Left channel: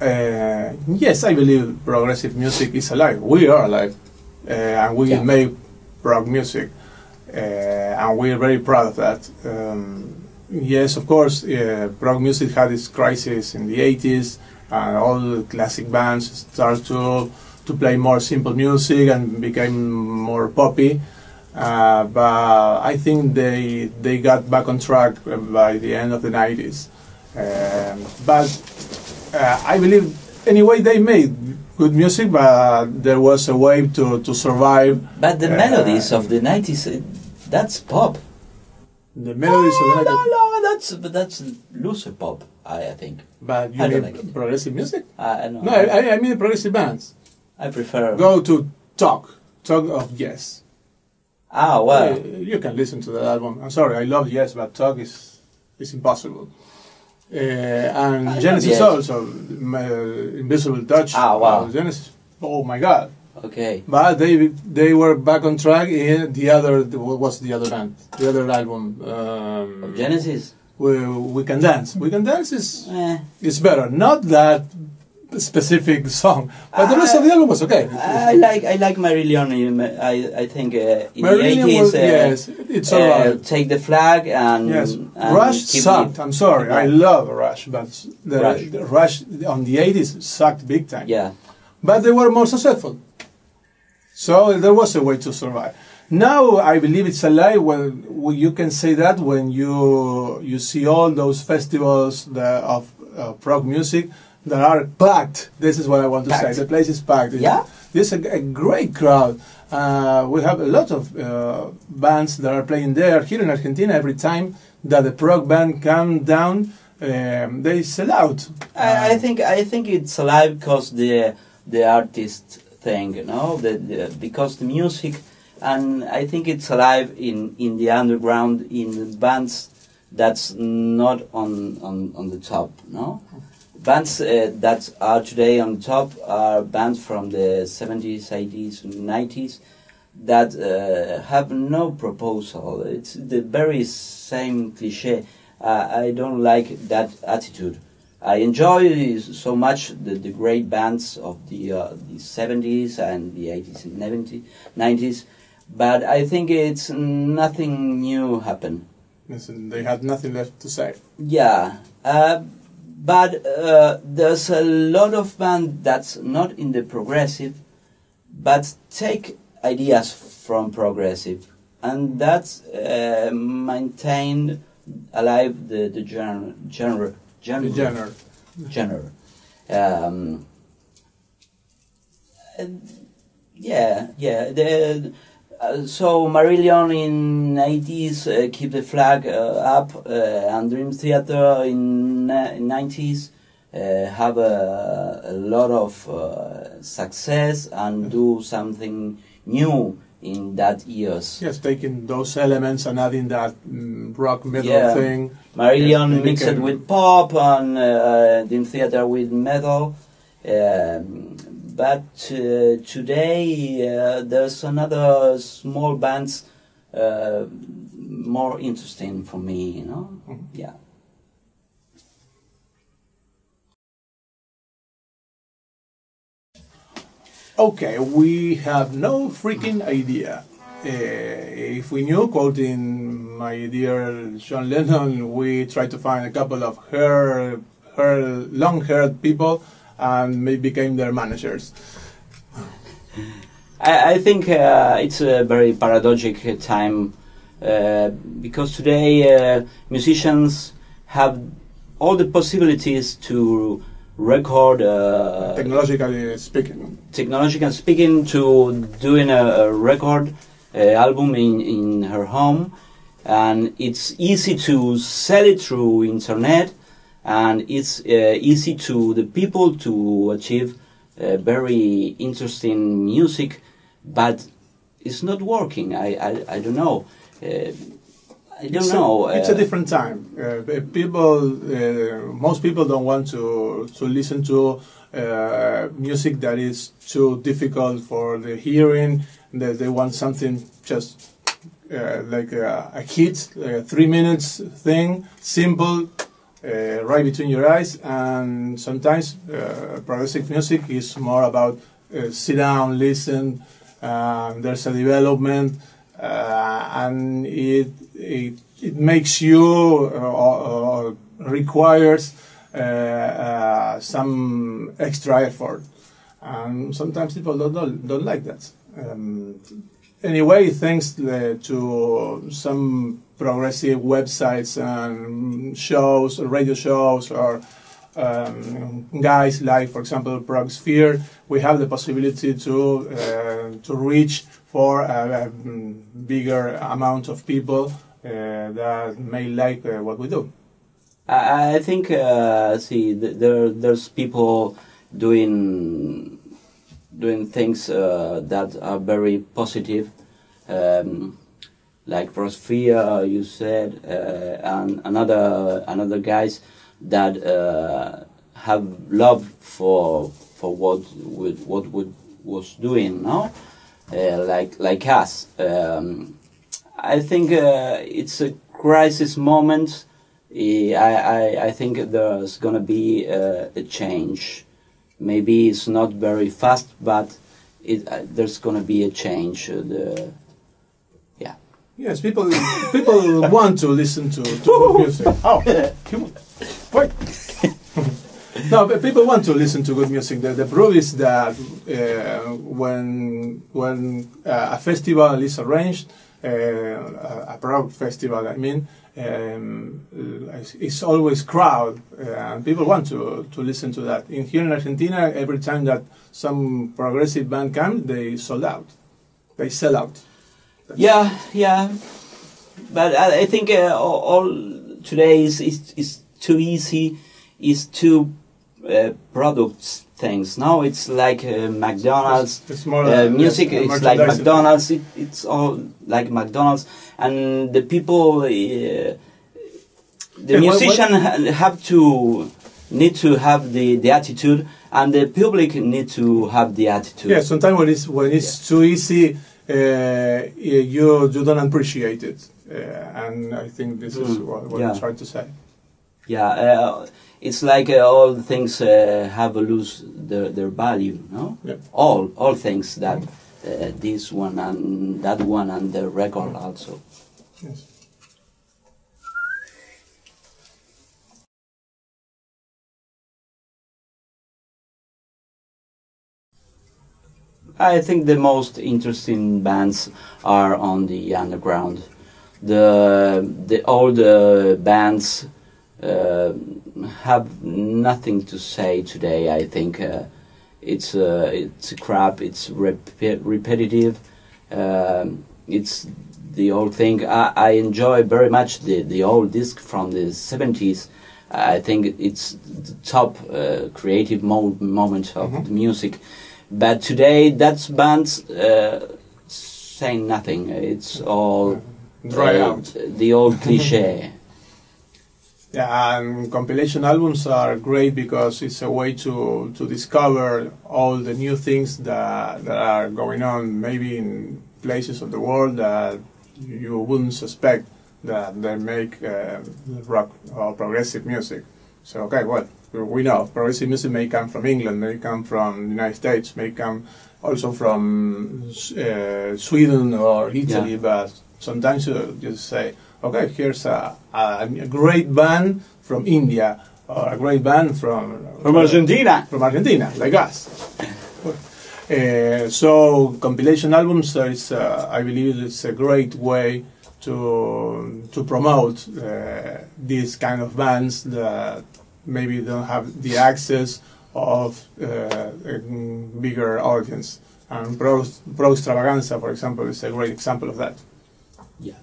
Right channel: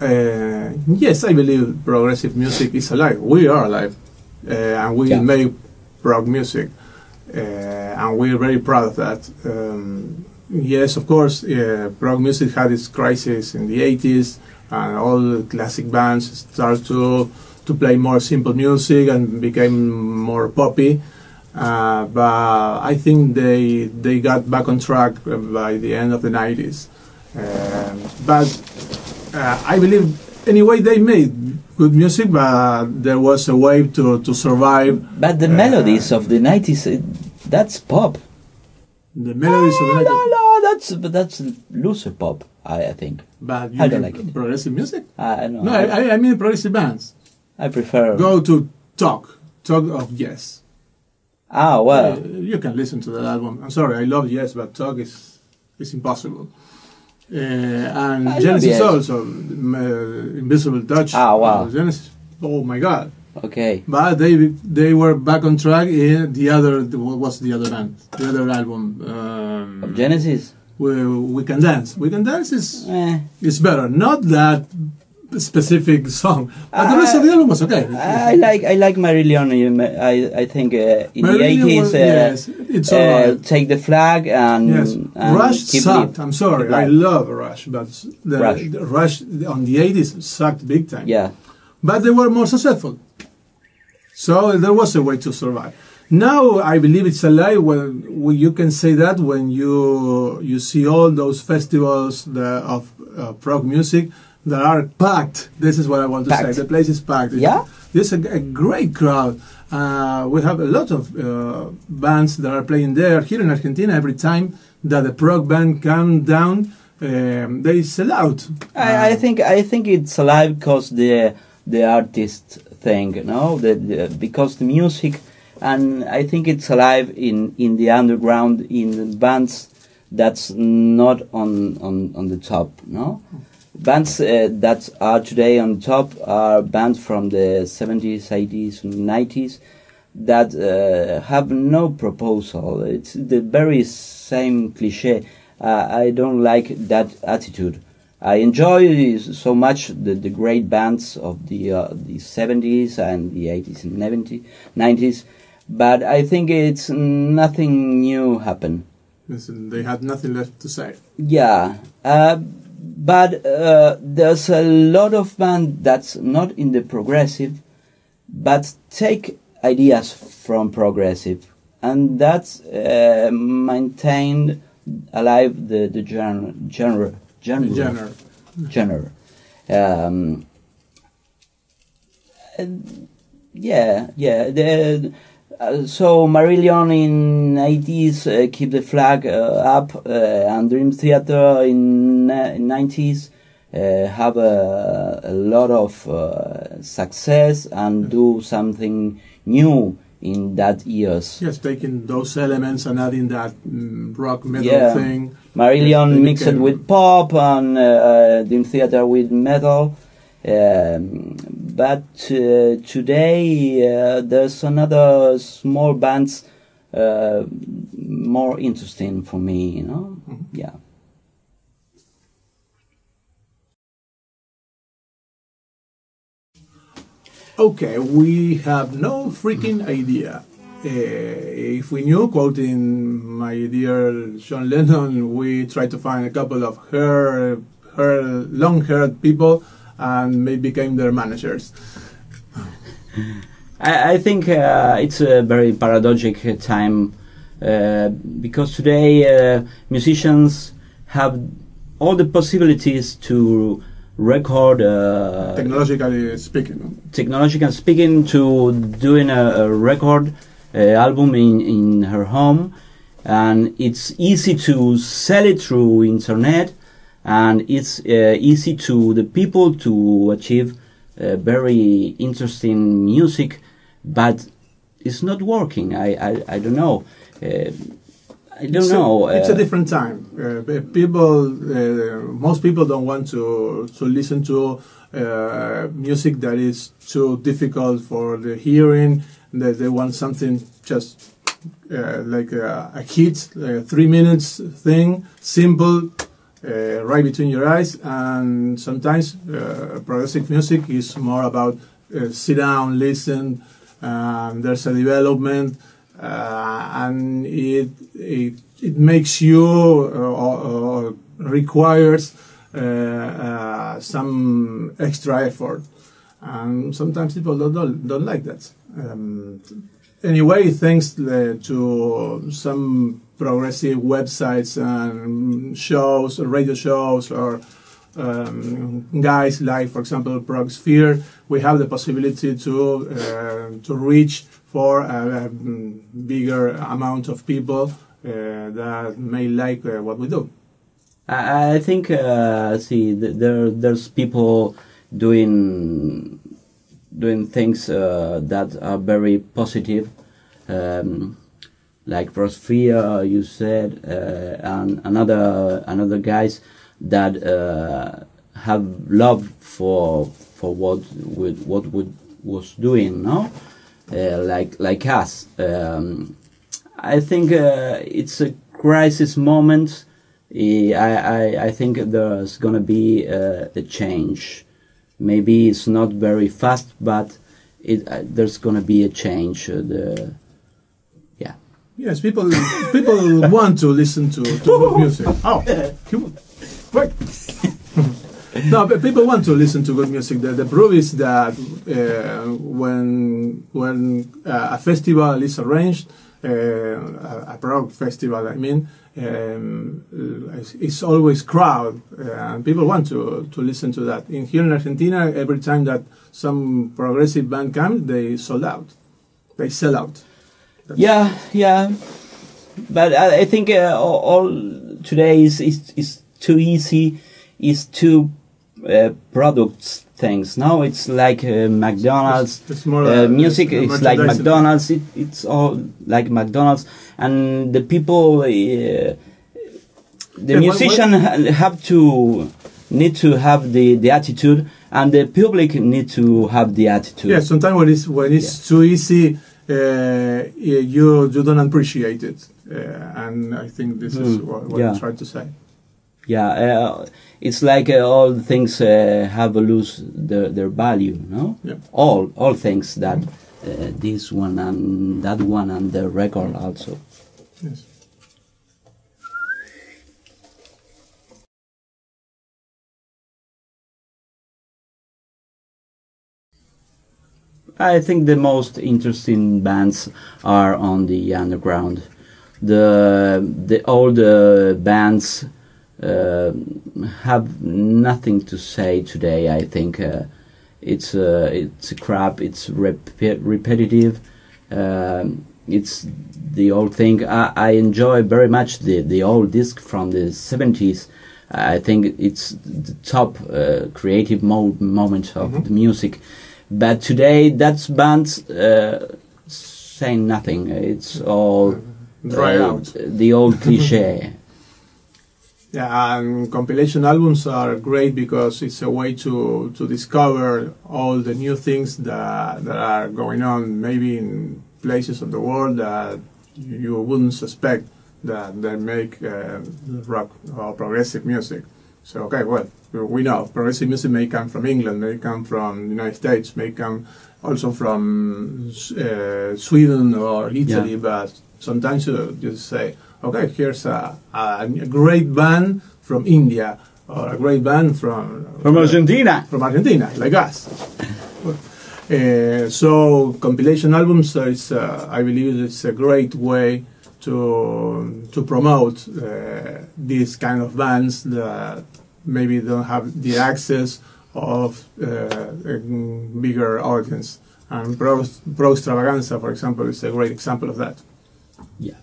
Yes, I believe progressive music is alive. We are alive, and we make prog music, and we are very proud of that. Yes, of course, prog music had its crisis in the 80s, and all the classic bands started to play more simple music and became more poppy. But I think they got back on track by the end of the 90s. But I believe, anyway, they made good music, but there was a way to survive. But the melodies of the 90s, that's pop. The melodies of the 90s? No, that's loser pop, I think. But you I don't like it. Progressive music? No, I mean progressive bands. I prefer... Go to Talk of Yes. Ah, well. You can listen to that album. I'm sorry, I love Yes, but Talk is impossible. And I Genesis also, Invisible Touch. Ah, wow. Genesis, oh my God. Okay. But they were back on track in the other, what's the other band? The other album. Genesis? We Can Dance. We Can Dance is better. Not that specific song, but the rest of the album was okay. I like Marillion. I think in Marillion the 80s, it's alright. Take the Flag and, and Rush sucked. I'm sorry, I love Rush, but the Rush on the 80s sucked big time. Yeah, but they were more successful, so there was a way to survive. Now I believe it's alive. Well, you can say that when you see all those festivals of prog music that are packed. This is what I want to say. The place is packed. Yeah? There's a great crowd. We have a lot of bands that are playing there. Here in Argentina, every time that a prog band comes down, they sell out. I think it's alive because the artist thing, you know, because the music, and I think it's alive in the underground, in bands that's not on the top, no? Bands that are today on top are bands from the 70s, 80s, 90s that have no proposal. It's the very same cliche. I don't like that attitude. I enjoy so much the great bands of the 70s and the 80s and 90s, but I think it's nothing new happened. Listen, they had nothing left to say. Yeah. But there's a lot of bands that's not in the progressive, but take ideas from progressive, and that's maintained alive the genre. So Marillion in 80s keep the flag up, and Dream Theater in 90s have a lot of success and do something new in that years. Yes, taking those elements and adding that rock metal thing. Marillion mixed with pop and Dream Theater with metal. But today there's another small bands more interesting for me, you know? Mm-hmm. Yeah. Okay, we have no freaking idea. If we knew, quoting my dear John Lennon, we tried to find a couple of long-haired people and maybe became their managers. I think it's a very paradoxical time because today musicians have all the possibilities to record technologically speaking to doing a record album in her home, and it's easy to sell it through internet, and it's easy to the people to achieve very interesting music, but it's not working. I don't know. I don't know. It's a different time. Most people don't want to listen to music that is too difficult for the hearing. They want something just like a hit, 3 minutes thing, simple, right between your eyes. And sometimes progressive music is more about sit down, listen. There's a development, and it makes you requires some extra effort, and sometimes people don't like that. Anyway, thanks to some progressive websites and shows, or radio shows, or guys like, for example, Prog Sphere, we have the possibility to reach for a bigger amount of people that may like what we do. I think there's people doing things that are very positive, like Prog Sphere, you said, and another guys that have love for what we was doing, no, like us. I think it's a crisis moment. I think there's gonna be a change. Maybe it's not very fast, but there's gonna be a change. Yes, people want to listen to good music. Oh, wait. No, but people want to listen to good music. The proof is that when a festival is arranged, a prog festival, I mean, it's always crowd. People want to listen to that. Here in Argentina, every time that some progressive band comes, they sold out. They sell out. Yeah. But I think all today is too easy. Is too products things. Now it's like McDonald's. It's more music. It's like McDonald's. It's all like McDonald's, and the people, the musician need to have the attitude, and the public need to have the attitude. Yeah, sometimes when it's too easy, you don't appreciate it, and I think this is what I'm trying to say. Yeah, it's like all things have lose their value, no? Yeah. All things that this one and that one and the record also. Yes. I think the most interesting bands are on the underground. The old bands have nothing to say today. I think it's crap. It's repetitive. It's the old thing. I enjoy very much the old disc from the 70s. I think it's the top creative moment of the music. But today, that's bands saying nothing. It's all dry out. The old cliche. Yeah, and compilation albums are great because it's a way to discover all the new things that are going on, maybe in places of the world that you wouldn't suspect that they make rock or progressive music. So, okay, well, we know progressive music may come from England, may come from the United States, may come also from Sweden or Italy, but sometimes you just say, okay, here's a great band from India, or a great band from Argentina. From Argentina, like us. So compilation albums is, I believe, it's a great way to promote these kind of bands that maybe don't have the access of a bigger audience. And Progstravaganza, for example, is a great example of that. Yeah.